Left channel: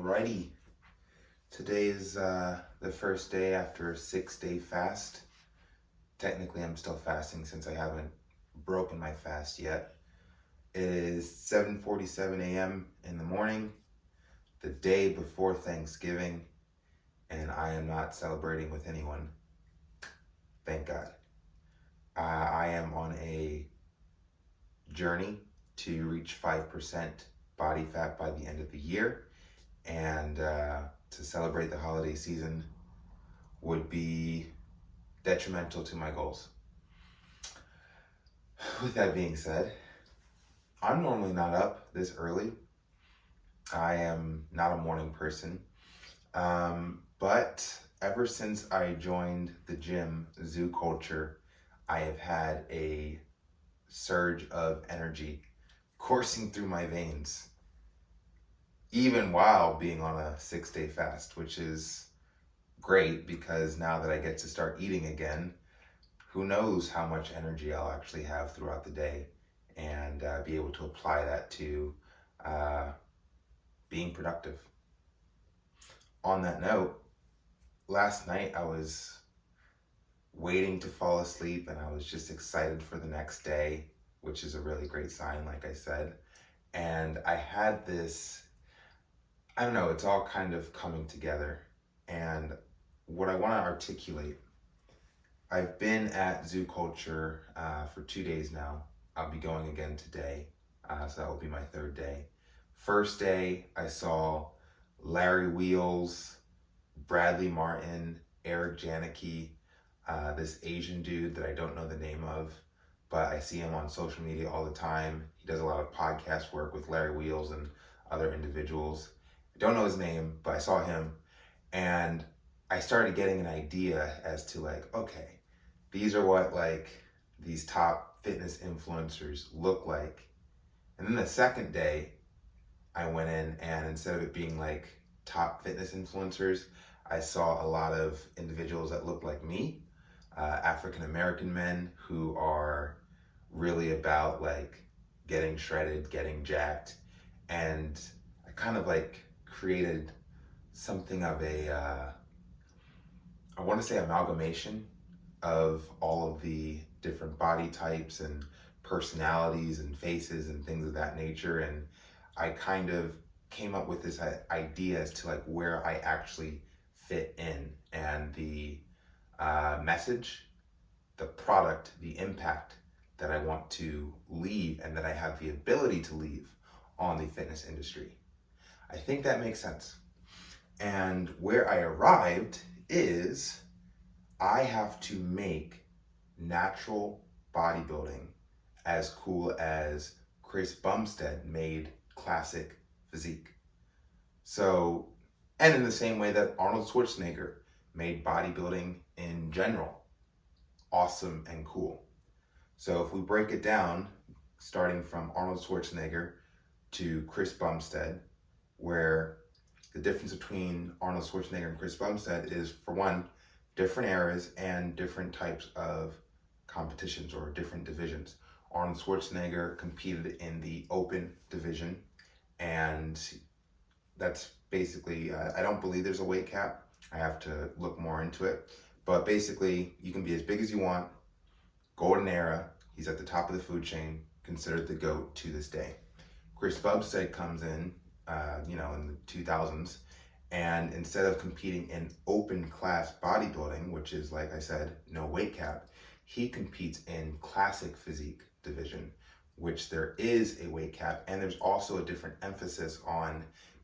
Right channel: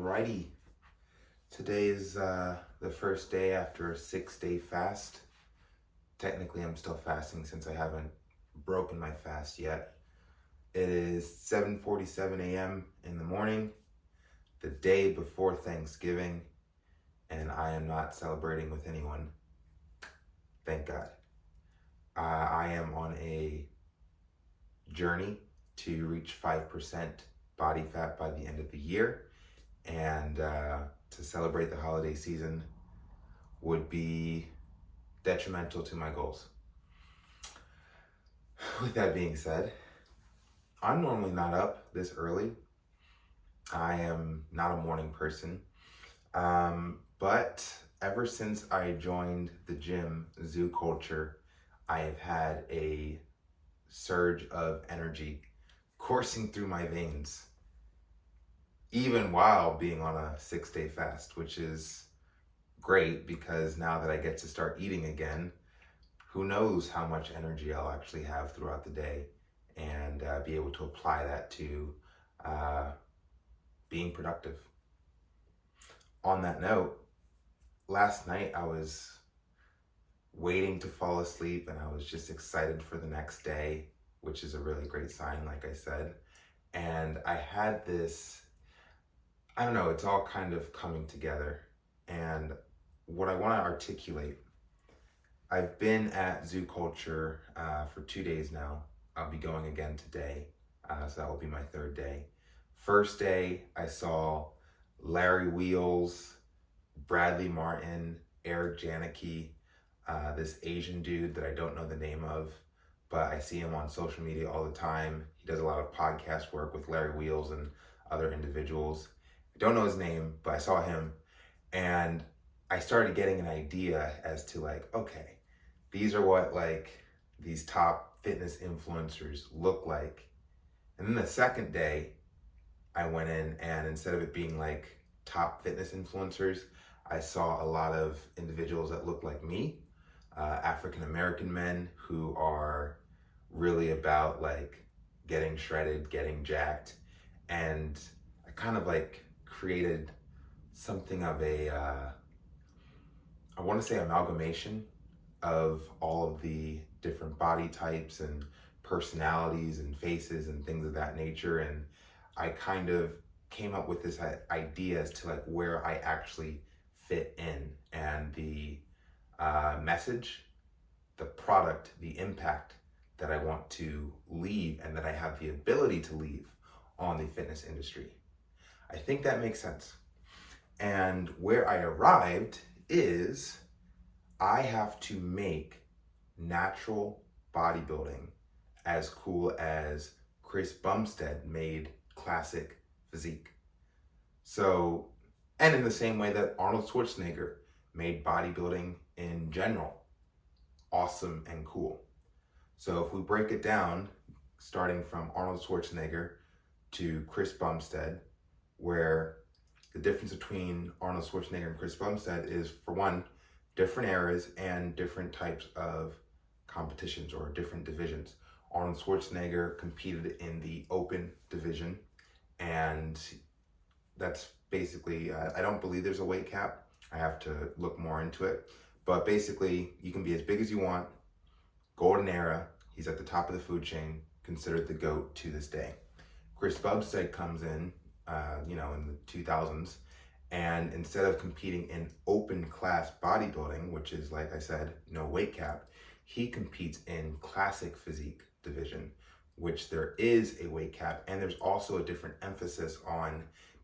Alrighty, today is the first day after a 6-day fast. Technically, I'm still fasting since I haven't broken my fast yet. It is 7:47 a.m. in the morning, the day before Thanksgiving, and I am not celebrating with anyone. Thank God. I am on a journey to reach 5% body fat by the end of the year, and to celebrate the holiday season would be detrimental to my goals. With that being said, I'm normally not up this early. I am not a morning person. But ever since I joined the gym, Zoo Culture, I have had a surge of energy coursing through my veins, even while being on a 6-day fast, which is great because now that I get to start eating again, who knows how much energy I'll actually have throughout the day and be able to apply that to being productive. On that note, last night I was waiting to fall asleep and I was just excited for the next day, which is a really great sign, like I said. And I had this, I don't know, it's all kind of coming together. And what I want to articulate, I've been at Zoo Culture for 2 days now. I'll be going again today, so that will be my third day. First day, I saw Larry Wheels, Bradley Martin, Eric Janicki, this Asian dude that I don't know the name of, but I see him on social media all the time. He does a lot of podcast work with Larry Wheels and other individuals. I don't know his name, but I saw him, and I started getting an idea as to okay, these are what these top fitness influencers look like. And then the second day, I went in and instead of it being top fitness influencers, I saw a lot of individuals that looked like me, African American men who are really about getting shredded, getting jacked. And I kind of created something of a, I want to say amalgamation of all of the different body types and personalities and faces and things of that nature. And I kind of came up with this idea as to where I actually fit in and the message, the product, the impact that I want to leave and that I have the ability to leave on the fitness industry. I think that makes sense. And where I arrived is I have to make natural bodybuilding as cool as Chris Bumstead made classic physique. So, and in the same way that Arnold Schwarzenegger made bodybuilding in general awesome and cool. So if we break it down, starting from Arnold Schwarzenegger to Chris Bumstead, where the difference between Arnold Schwarzenegger and Chris Bumstead is, for one, different eras and different types of competitions or different divisions. Arnold Schwarzenegger competed in the open division, and that's basically, I don't believe there's a weight cap. I have to look more into it. But basically, you can be as big as you want. Golden era, he's at the top of the food chain, considered the GOAT to this day. Chris Bumstead comes in, in the 2000s, and instead of competing in open class bodybuilding, which is, like I said, no weight cap, he competes in classic physique division, which there is a weight cap, and there's also a different emphasis on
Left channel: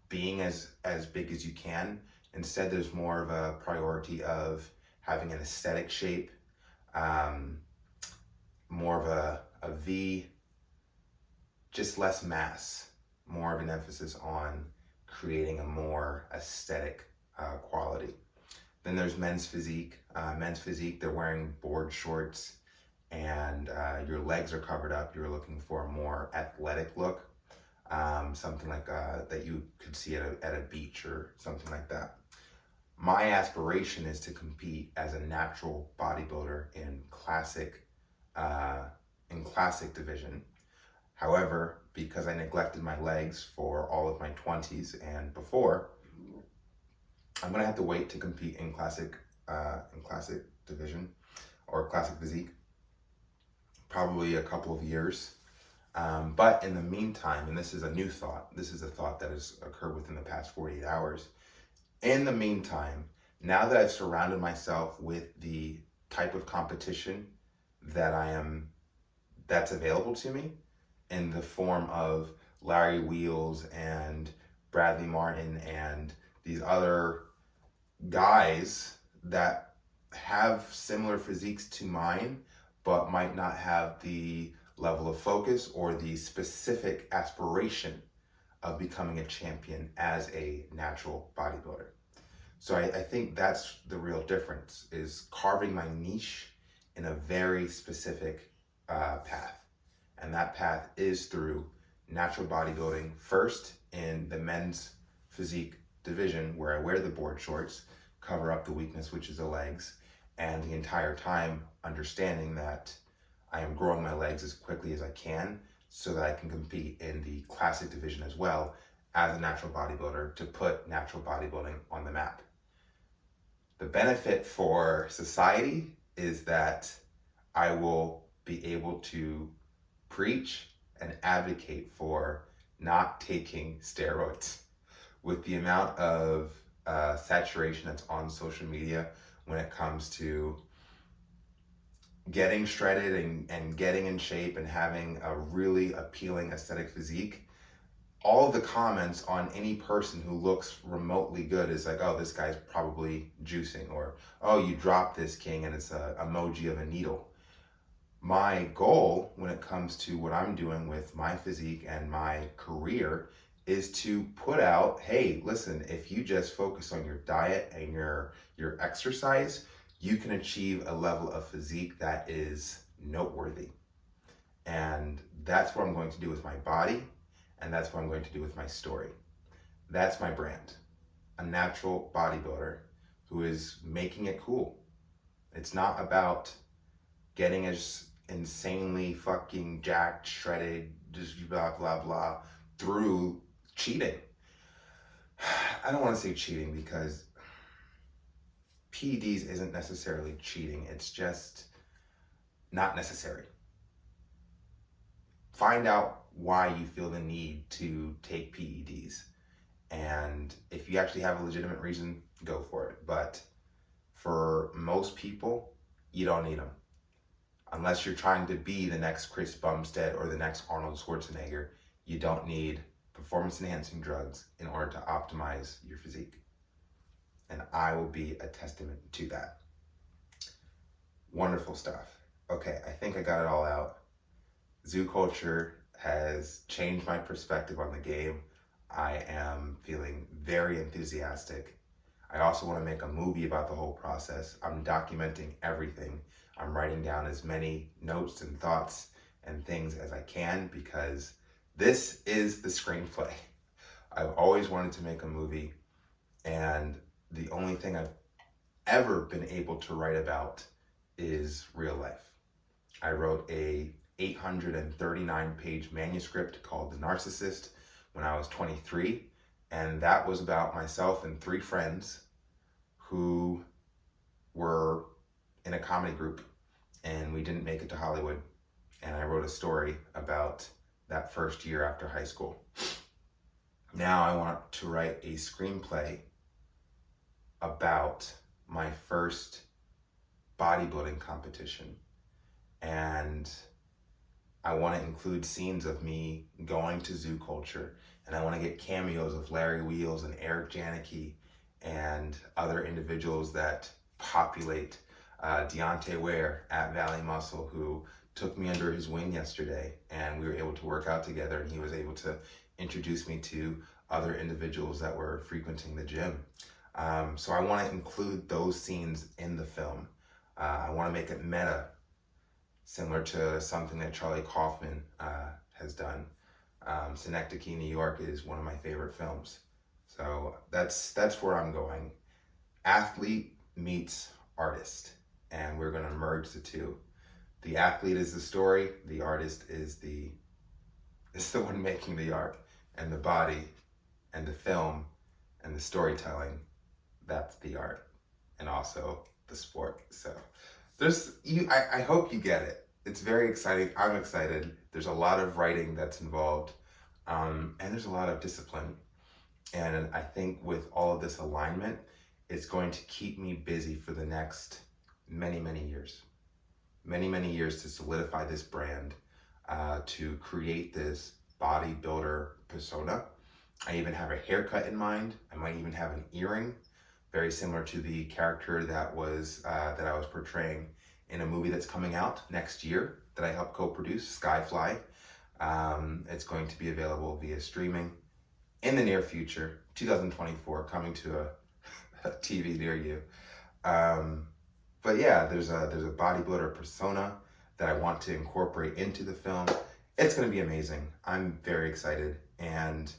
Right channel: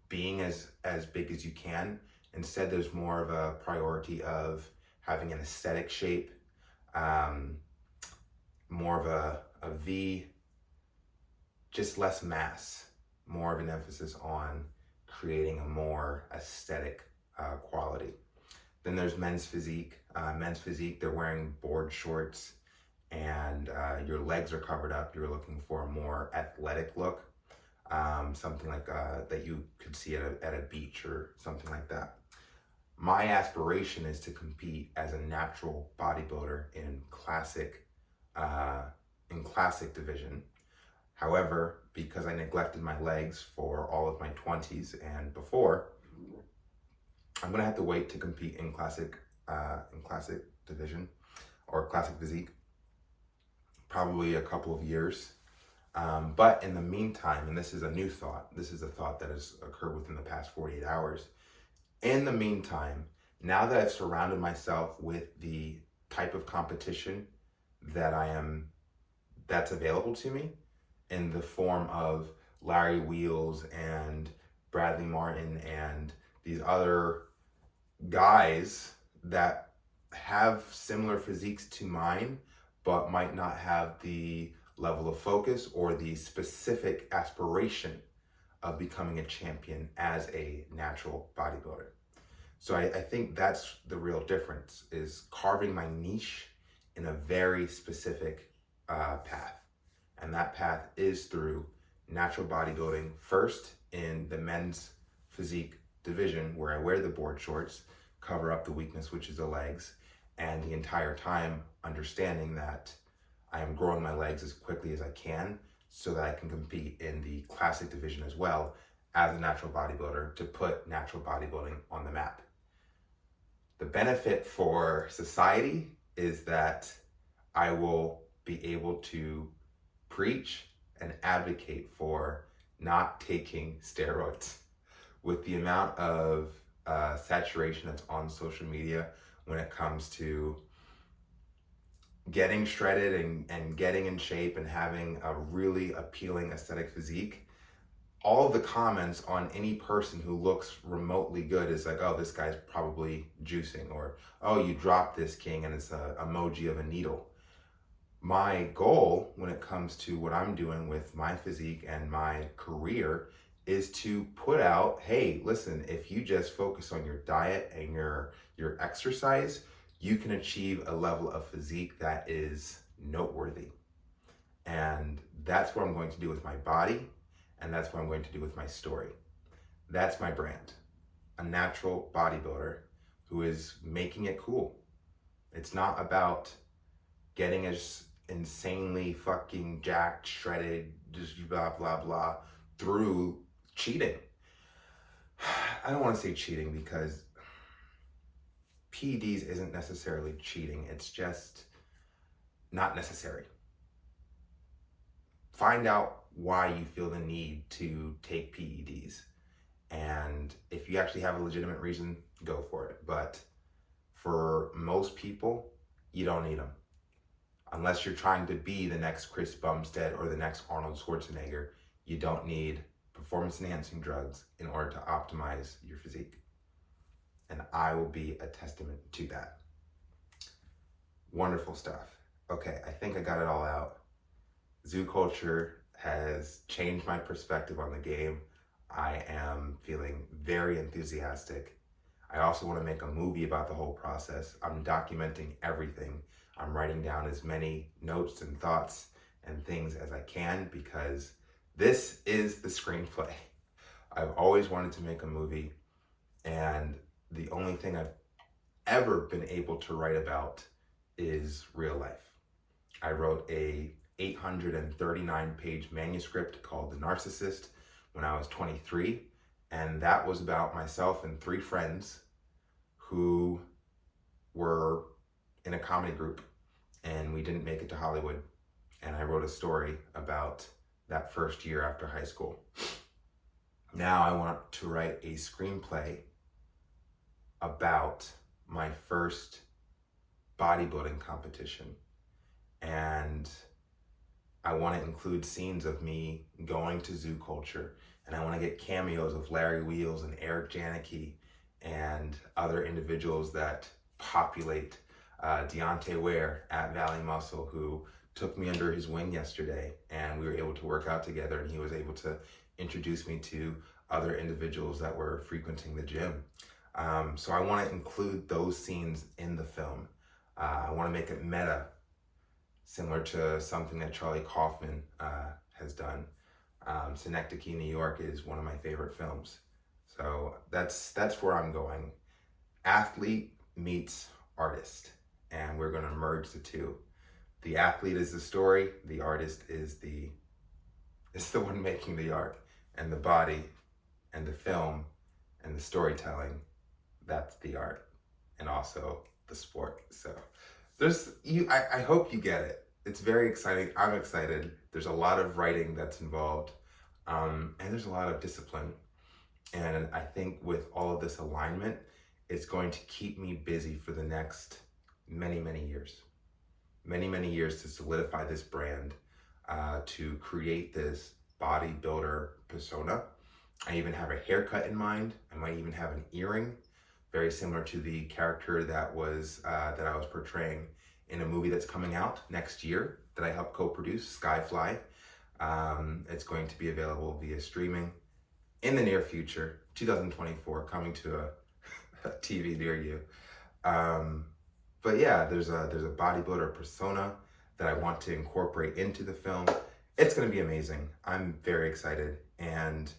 being as big as you can. Instead, there's more of a priority of having an aesthetic shape, more of a V, just less mass, more of an emphasis on creating a more aesthetic quality. Then there's men's physique. Men's physique, they're wearing board shorts and your legs are covered up. You're looking for a more athletic look, something that you could see at a beach or something like that. My aspiration is to compete as a natural bodybuilder in classic division. However, because I neglected my legs for all of my 20s and before, I'm gonna have to wait to compete in classic division or classic physique, probably a couple of years. But in the meantime, and this is a new thought, this is a thought that has occurred within the past 48 hours. In the meantime, now that I've surrounded myself with the type of competition that's available to me in the form of Larry Wheels and Bradley Martin and these other guys that have similar physiques to mine, but might not have the level of focus or the specific aspiration of becoming a champion as a natural bodybuilder. So I think that's the real difference, is carving my niche in a very specific path. And that path is through natural bodybuilding, first in the men's physique division, where I wear the board shorts, cover up the weakness, which is the legs, and the entire time understanding that I am growing my legs as quickly as I can so that I can compete in the classic division as well as a natural bodybuilder to put natural bodybuilding on the map. The benefit for society is that I will be able to preach and advocate for not taking steroids. With the amount of saturation that's on social media when it comes to getting shredded and getting in shape and having a really appealing aesthetic physique, all of the comments on any person who looks remotely good is like, oh, this guy's probably juicing, or, oh, you dropped this, king, and it's an emoji of a needle. My goal when it comes to what I'm doing with my physique and my career is to put out, hey, listen, if you just focus on your diet and your exercise, you can achieve a level of physique that is noteworthy. And that's what I'm going to do with my body, and that's what I'm going to do with my story. That's my brand, a natural bodybuilder who is making it cool. It's not about getting as insanely fucking jacked, shredded, just blah, blah, blah, through cheating. I don't want to say cheating because PEDs isn't necessarily cheating. It's just not necessary. Find out why you feel the need to take PEDs. And if you actually have a legitimate reason, go for it. But for most people, you don't need them. Unless you're trying to be the next Chris Bumstead or the next Arnold Schwarzenegger, you don't need performance-enhancing drugs in order to optimize your physique. And I will be a testament to that. Wonderful stuff. Okay, I think I got it all out. Zoo culture has changed my perspective on the game. I am feeling very enthusiastic. I also want to make a movie about the whole process. I'm documenting everything. I'm writing down as many notes and thoughts and things as I can because this is the screenplay. I've always wanted to make a movie, and the only thing I've ever been able to write about is real life. I wrote a 839-page manuscript called The Narcissist when I was 23, and that was about myself and 3 friends who were in a comedy group, and we didn't make it to Hollywood. And I wrote a story about that first year after high school. Now I want to write a screenplay about my first bodybuilding competition. And I want to include scenes of me going to Zoo Culture, and I want to get cameos of Larry Wheels and Eric Janicki and other individuals that populate Deontay Ware at Valley Muscle, who took me under his wing yesterday, and we were able to work out together, and he was able to introduce me to other individuals that were frequenting the gym. So I want to include those scenes in the film. I want to make it meta, similar to something that Charlie Kaufman has done. Synecdoche, New York is one of my favorite films. So that's where I'm going. Athlete meets artist, and we're going to merge the two. The athlete is the story, the artist is the one making the art, and the body and the film and the storytelling, that's the art and also the sport. So I hope you get it. It's very exciting. I'm excited. There's a lot of writing that's involved, and there's a lot of discipline. And I think with all of this alignment, it's going to keep me busy for the next many, many years. Many, many years to solidify this brand, to create this bodybuilder persona. I even have a haircut in mind. I might even have an earring, very similar to the character that I was portraying in a movie that's coming out next year that I helped co-produce, Skyfly. It's going to be available via streaming in the near future, 2024, coming to a TV near you. But yeah, there's a bodybuilder persona that I want to incorporate into the film. It's going to be amazing. I'm very excited, and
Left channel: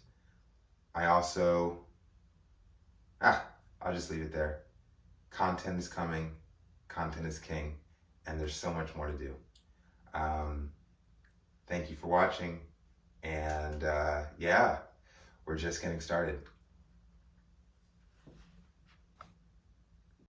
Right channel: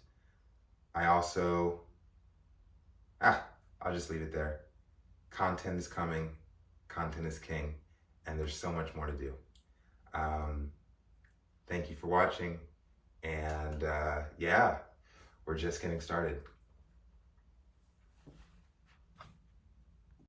I also I'll just leave it there. Content is coming, content is king, and there's so much more to do. Thank you for watching, and yeah, we're just getting started.